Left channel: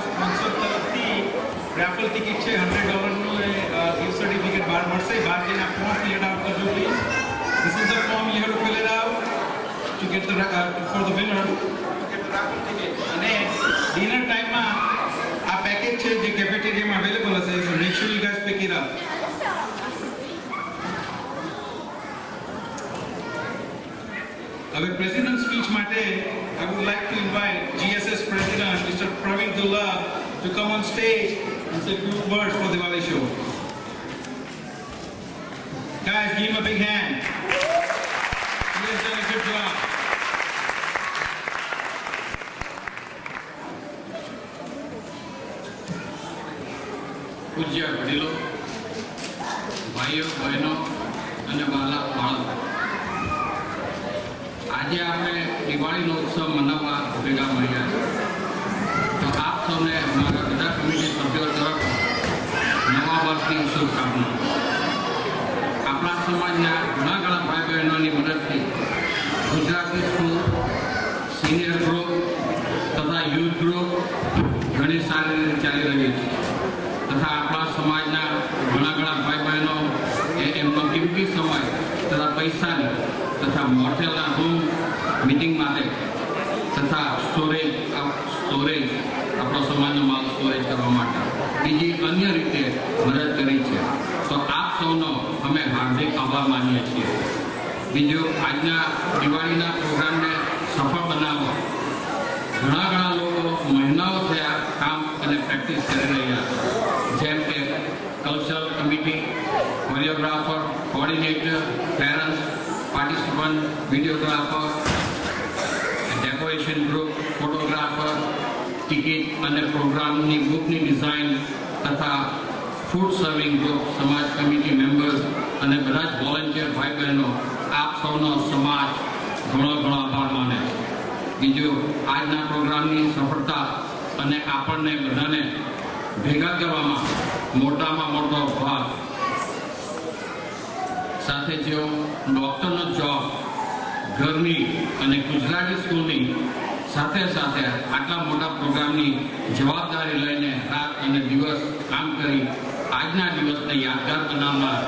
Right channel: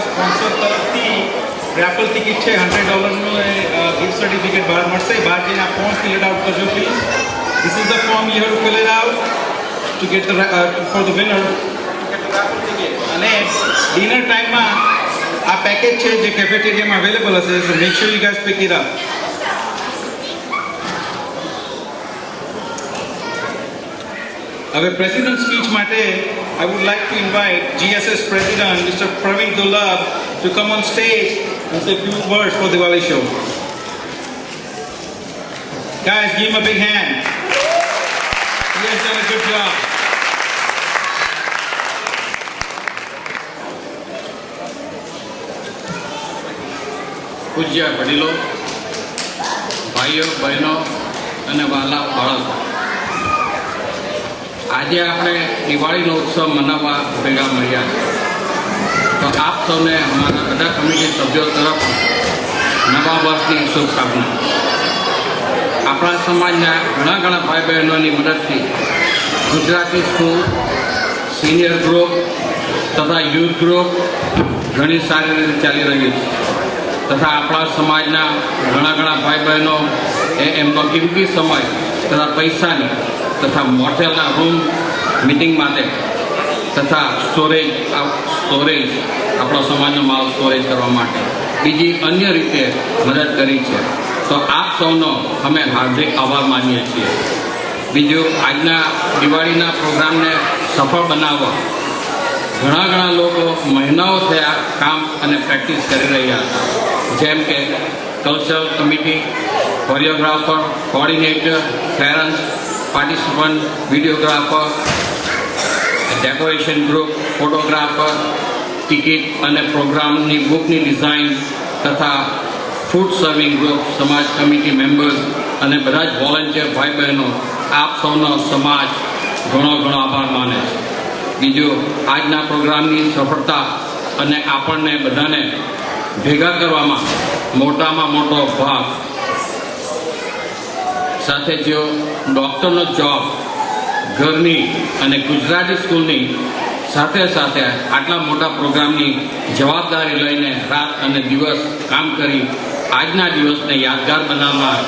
આપણા સ્પોન્સર તરફથી રેફલ ટિકિટ છે $100નું ગિફ્ટ સર્ટિફિકેટ બહાર મળશે. બહાર જઈને આ ફોર્મ ફિલ આઉટ કરજો please. This is the form you have to fill it out to get the for the winner to get the raffle ticket. અને ડિનર ટાઈમમાં આ પેકેજ છે જે કેફેટેરિયામાં અવેલેબલ હશે. So make sure you guys pick it up. હવે president speech માટે I would like to invite GSS President Mr. Praveen Dullab to come on stage and say a few words for Diwali show. Guys, give him a big hand. He has done a good job. પૂજ્ય વડીલો, ભાઈઓ બહેનો અને વહાલા બાળકો, આજે આપણે દિવાળીનો ઉત્સવ મનાવવા ભેગા મળ્યા છે. તો આપ સૌને અમારા બધા કમિટી સભ્યો તરફ નવા વર્ષની શુભકામના. આપણા સમાજના ઘણા ભાઈ બહેનોની મદદથી ગુજરાતી સ્કૂલ, સિનિયર ગ્રુપ તથા યુથ ગ્રુપ ઘણી સારી રીતે ચાલી રહી છે. તથા આપણા સમાજના ઘણા ભાઈ બહેનો એમનો કિંમતી સમય તથા પૈસાની તથા મોટેલના રૂમ મિટિંગ માટે તથા સ્ટોરેજ આપણો સમાજનો માલ સ્ટોરેજ કરવા માટે બીજી અન્ય રીતે મદદ કરી છે. તો આપ સૌનો અમે હાર્દિક આભાર માનીએ છીએ. બીજું, આજના દિવાળીના પ્રોગ્રામને સફળ બનાવવા ઘણા લોકો મહિનાઓ થયા કામ અને પ્રેક્ટિસ કરી રહ્યા હતા. જેમ કે cultural committee, choreographer, coordinator, parents, participant, videographer, decoration group, photographer, ticket અને પ્રોગ્રામની બુકની ડિઝાઇન તથા ફૂડ સર્વિંગ ગ્રુપ, સમાજ કમિટી મેમ્બર્સ અને બધા જ વોલન્ટિયર ભાઈ બહેનો, આપ સૌનો સમાજ ઘણો આભાર માને છે. બીજું, આજના પ્રોગ્રામની સફળતા અને આપણને બધાને ભેગા કરવામાં મોટામાં મોટો ભાગ સાથે જેઓ ડૉક્ટરનો જોબ, ઘરની અને ગુજરાતી સ્કૂલની સાથે આટલા મોટા પ્રોગ્રામની જવાબદારી લઈને રાત અને દિવસ કામ કરી આજના દિવસને યાદગાર બનાવનાર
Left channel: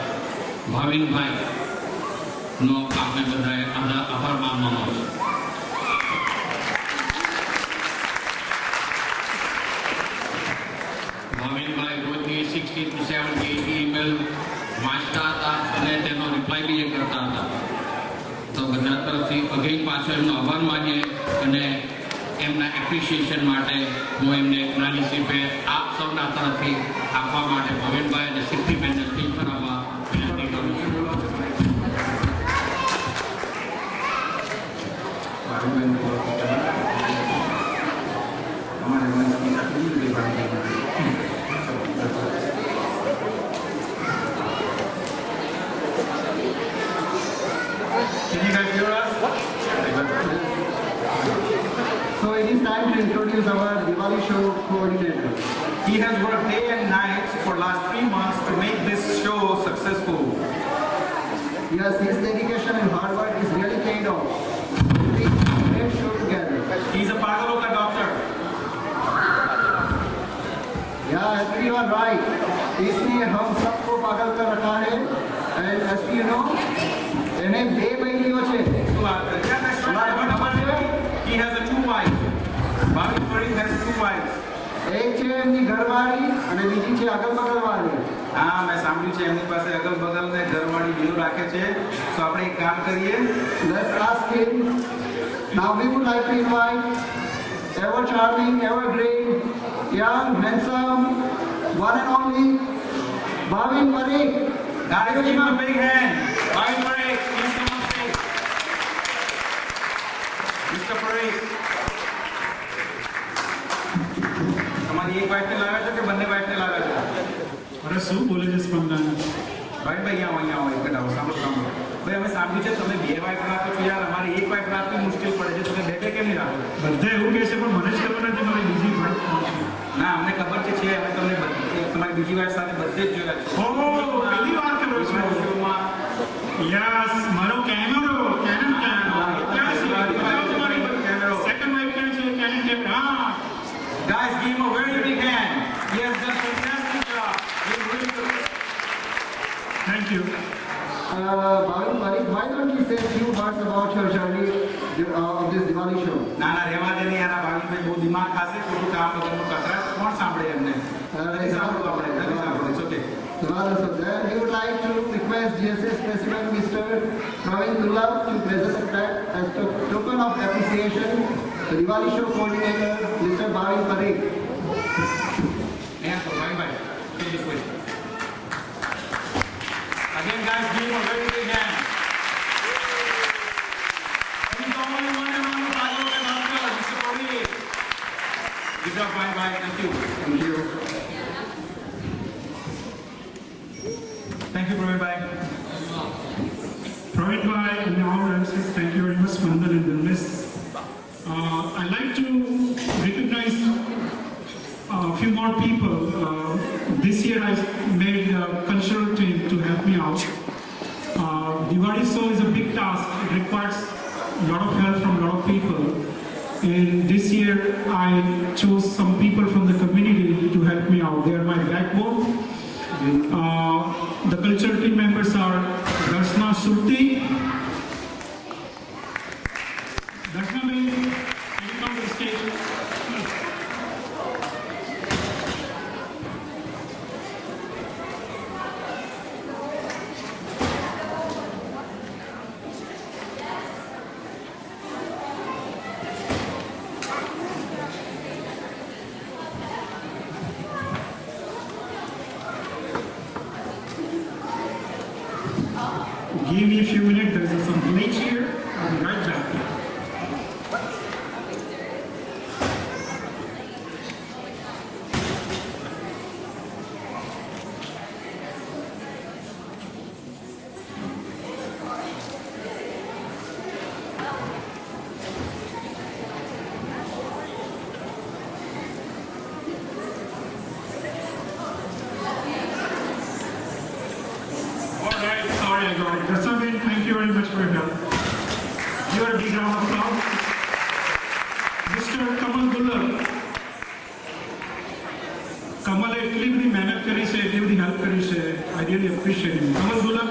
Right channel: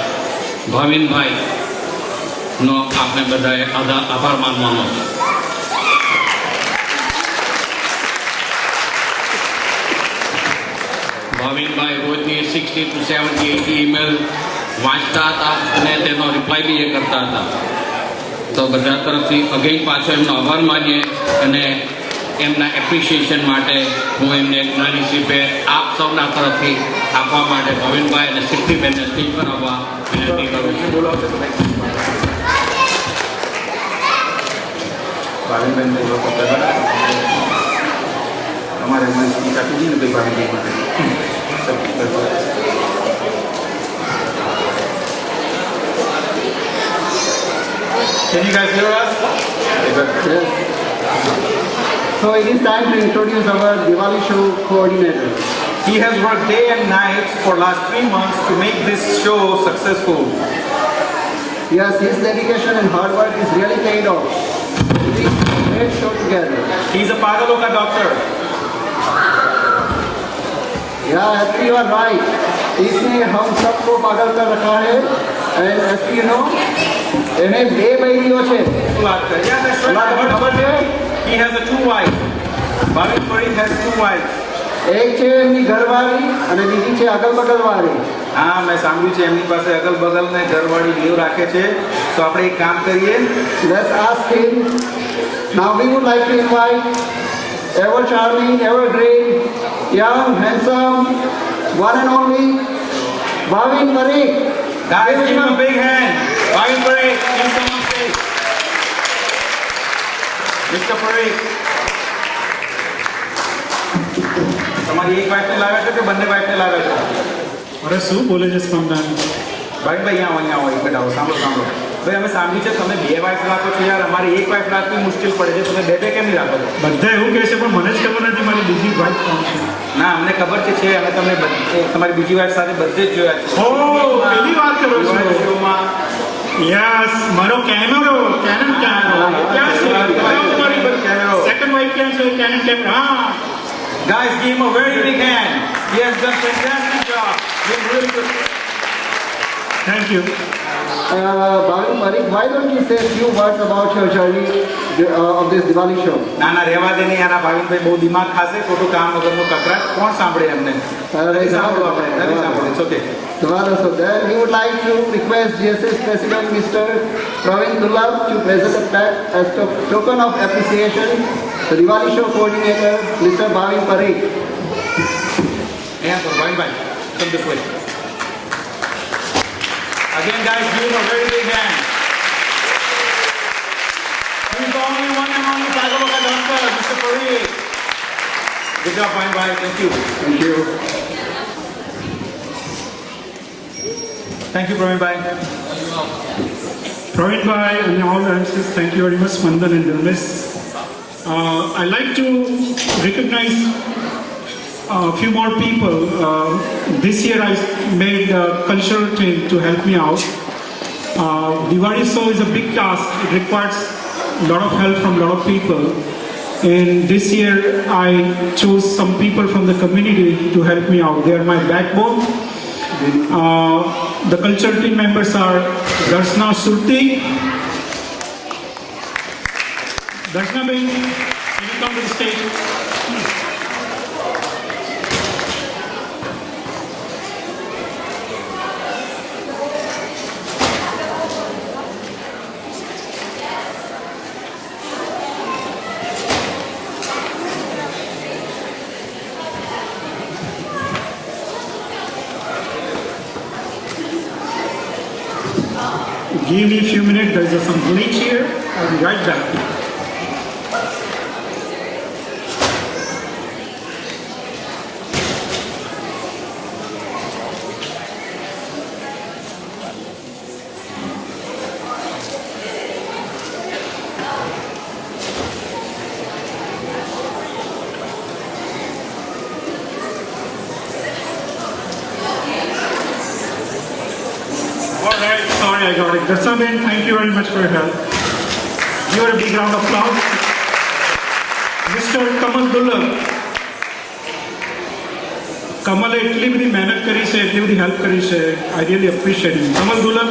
ભાવિનભાઈનો આપણે બધાએ આભાર માનવાનો છે. ભાવિનભાઈ રોજની 60 to 70, 80 ઈમેલ વાંચતા હતા અને તેનો રિપ્લાય બી કરતા હતા. તો બધા તરફથી અગેન પાછો એમનો આભાર માનીએ અને એમના એપ્રિશિએશન માટે હું એમને એક નાની સી ભેટ આપ સૌના તરફથી આપવા માટે ભાવિનભાઈ અને સિદ્ધિબેનને સ્ટેજ પર આવવા વિનંતી કરું છું. ભાવિનબેન બોલો તો તમારે અમારી સ્પીચ આપી દઈએ ને ભાઈ ભાવિનભાઈ માટે. Can you guys hear us? Yes. So it is time to introduce our Diwali show coordinator. He has worked day and night for last 3 months to make this show successful. Yes, his dedication and hard work is really paid off. We did a great show together. He's a Pagaloka doctor. Yeah, actually you are right. इसने हम सबको पागल कर रखा है and as you know, એને બે બૈરીઓ છે. Yeah, that's right. But he has a 2 wives. Bhavin Parikh has 2 wives. એક છે એમની ઘરવાળી અને બીજી છે અગલ બગલવાળી. હા, મેં સાંભળ્યું છે એમની પાસે અગલ બગલ ને ઘરવાળી બેવ રાખે છે. તો આપણે એક કામ કરીએ. Let's ask him. Now we would like to invite ever charming, ever green, young, handsome, one and only Bhavin Parikh. Guys, give him a big hand. Bhavin Parikh, please come on stage. Mr. Parikh. તમારી એક વાઇફને લાવ્યા છો કે બંને વાઇફને લાવ્યા છો? અરે શું બોલે છે સ્પંદન? ભાઈ અહીંયા આવો એક બેઠા સાંભળો. ભાઈ અમે સાંભળ્યું છે તમે 2 વાઇફ રાખો છો યાર. અમારે એક વાઇફ રાખવી મુશ્કેલ પડે છે. તમે 2 કેમ નહીં રાખો છો? બધા એવું કહે છે પણ મને જ ખબર નથી મારી બીજી વાઇફ કોણ છે. ના, અમને ખબર છે. અમે તમને તમારી બીજી વાઇફ સાથે બધે જ જોયા છે. ઓ, પેલી વાત કરો છો? શોમાં યસ, મારો કેમેરો, કેનન કેમેરો ક્યાં છે? બતાવો તમારી કેમેરો. સેકન્ડ વાઇફ ક્યાં છે? કેનન કેમેરો. હા, Guys, give him a very big hand. He has done fantastic job. Been really good. Thank you. Bhavin Parikh, why don't you say a few words about your journey of this Diwali show? ના ના રહેવા દે ને યાર આ ભાવિનભાઈ બહુ દિમાગ ખાશે ખોટું કામ વગરનું કકરાટ કોણ સાંભળે એમને નથી સાંભળવું આપણે નથી સાંભળવું it's okay Dwala, so then we would like to request GSS President Mr. Praveen Dullab to present a plaque as token of appreciation the Diwali show coordinator Mr. Bhavin Parikh. અહીંયા પર ભાવિનભાઈ come this way. Again guys, give him a very big hand. He is the only one and only Tagaloka doctor, Mr. Parikh. Good job, Bhavin. Thank you. Thank you. Thank you, Praveen Bhai. Praveen Bhai and all the MCs, thank you very much, Mandan and Dilmis. I'd like to recognize a few more people. This year I made a cultural team to help me out. Diwali show is a big task. It requires a lot of help from a lot of people. And this year I chose some people from the community to help me out. They are my backbone. The cultural team members are Darshna Surti. Darshna Ben, can you come to the stage? Give me a few minutes, there's some glitch here. I'll be right back. All right, sorry I got it. Darshan, thank you very much for your help. Give her a big round of applause. Mr. Kamal Dullab. કમલે એટલી બધી મહેનત કરી છે એટલી બધી help કરી છે I really appreciate him Kamal દુલબ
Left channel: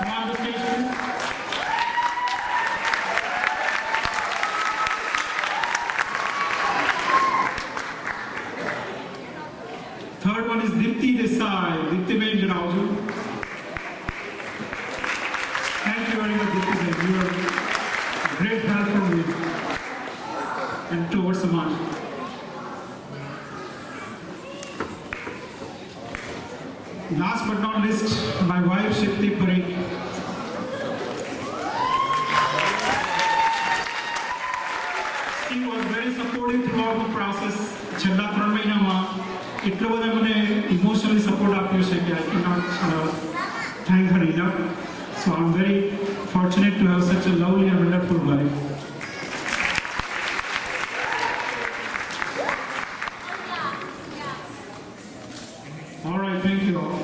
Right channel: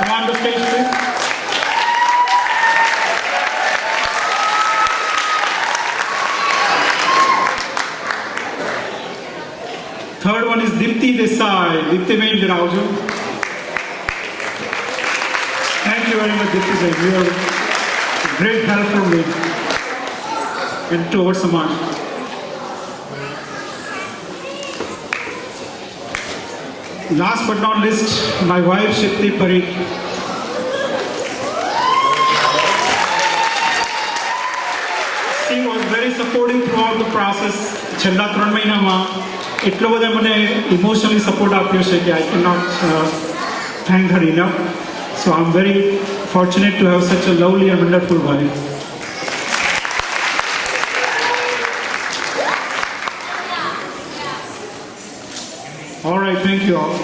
come on the stage please third one is Deepti Desai દીપ્તિબેન જરા આવજો થેન્ક યુ વેરી મચ દીપ્તિબેન you are great help for me and toward સમાજ Last but not least, my wife Shipti Parikh. She was very supportive throughout the process. છેલ્લા 3 મહિનામાં એટલો બધો મને ઇમોશનલી સપોર્ટ આપ્યો છે કે I cannot thank her enough. So I'm very fortunate to have such a lovely and wonderful wife. All right, thank you all.